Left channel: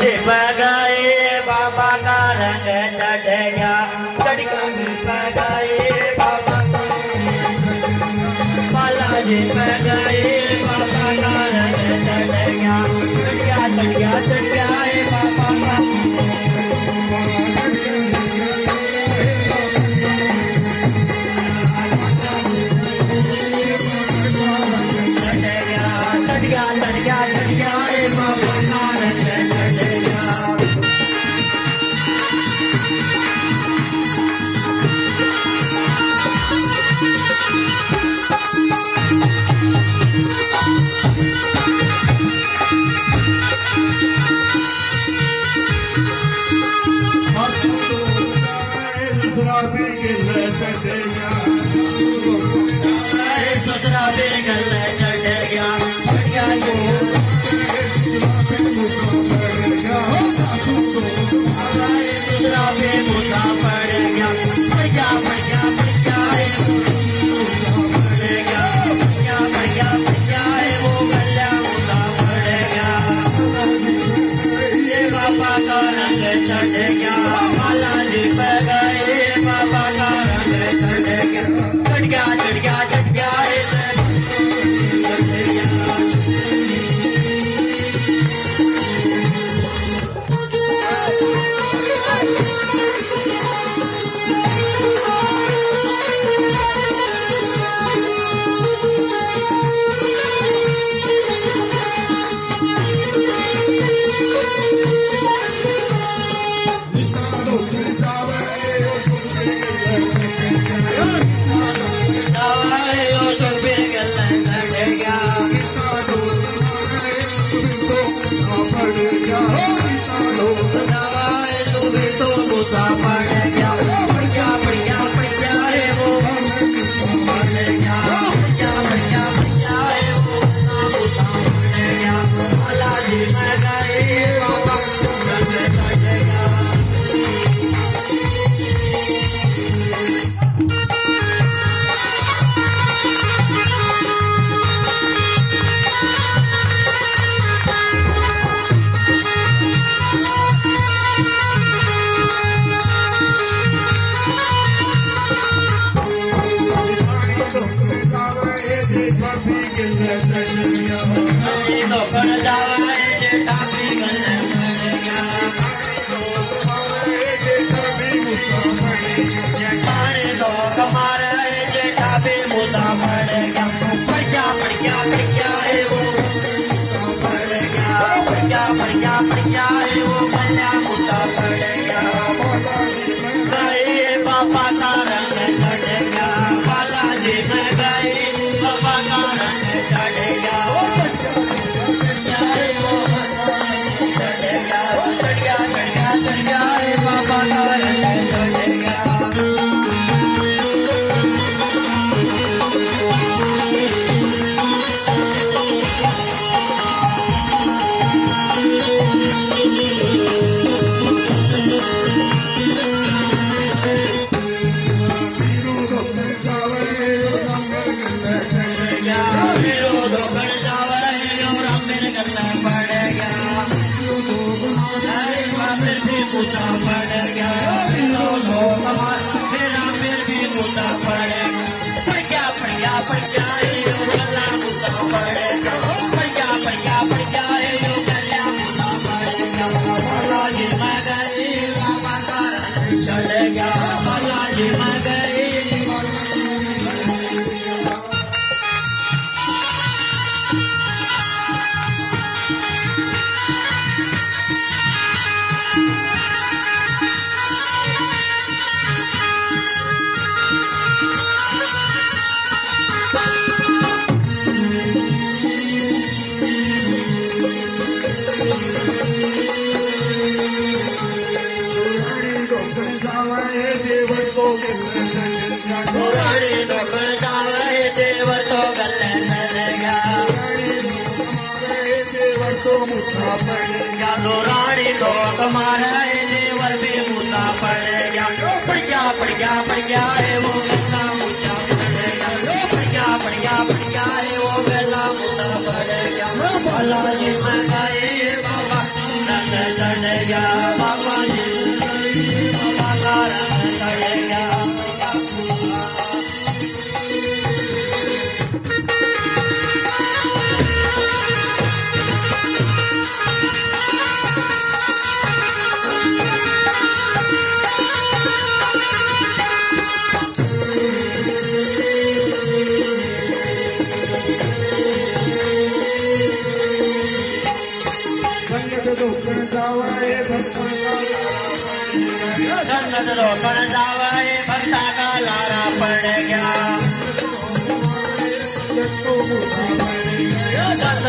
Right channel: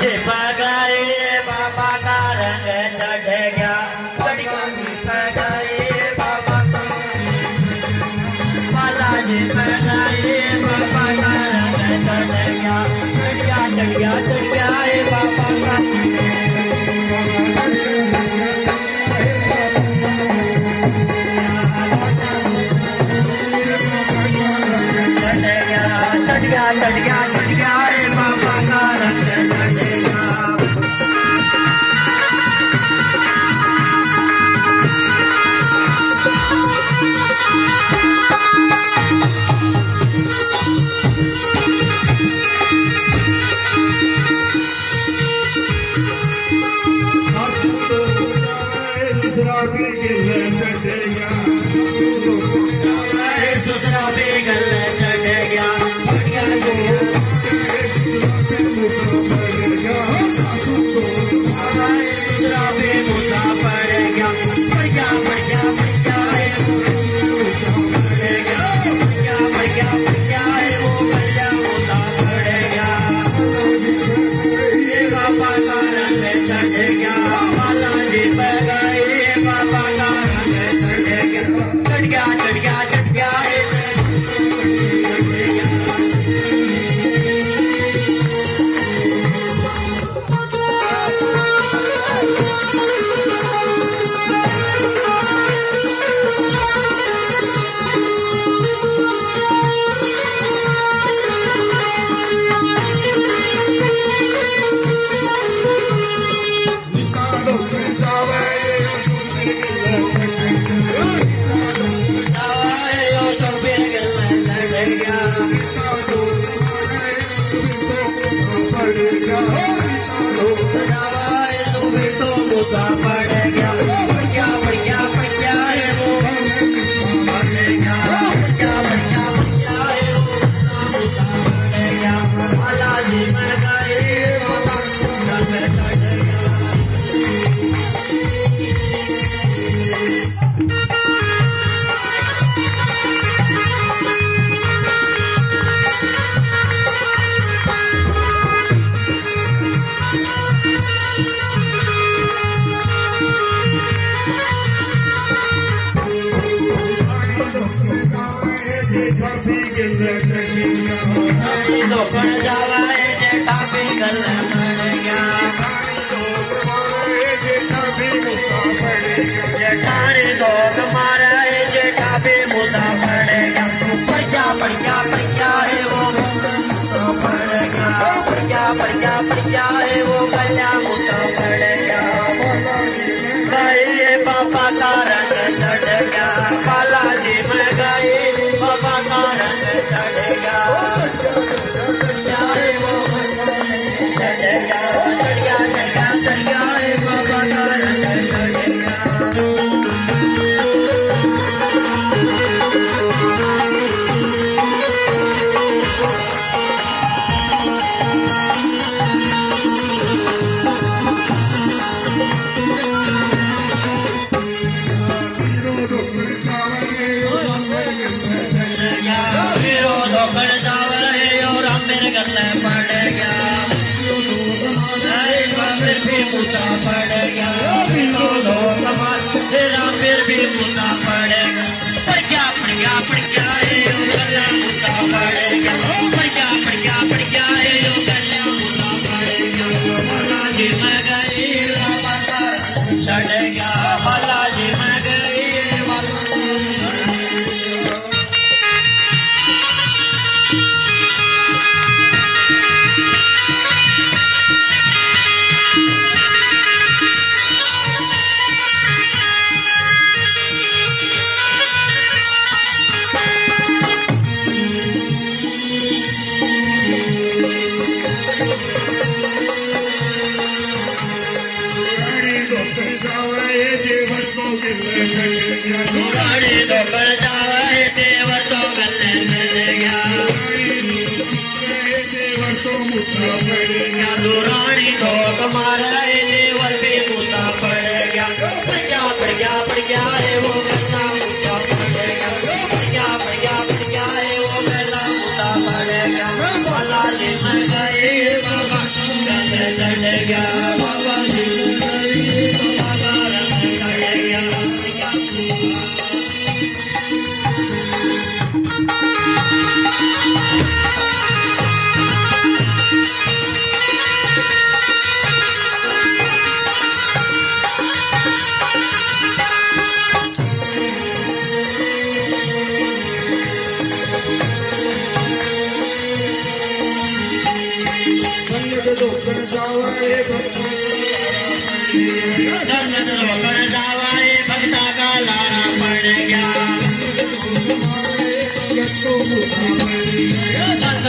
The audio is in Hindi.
चिपकाए बाबा का रंग चढ़ गया, चढ़ गया बाबा बालाजी चिपकाए बाबा का रंग चढ़ गया, चढ़ गया चढ़ गया बाबा का चढ़ गया चढ़ गया चढ़ गया बाबा का रंग चढ़ गया। दूसरा भी गल चढ़ गया, दूसरा भी मुद्दा पड़ गया, पड़ गया पड़ गया पड़ गया पड़ गया पड़ गया वो गला मुद्दा पड़ गया, ये बाबा का रंग चढ़ गया, बालाजी पे गए बाबा का रंग चढ़ गया, चढ़ गया चढ़ गया गया बाबा जी बाबा का रंग चढ़ गया लोकन जावाए भक्ता का लारा पड़ गया संत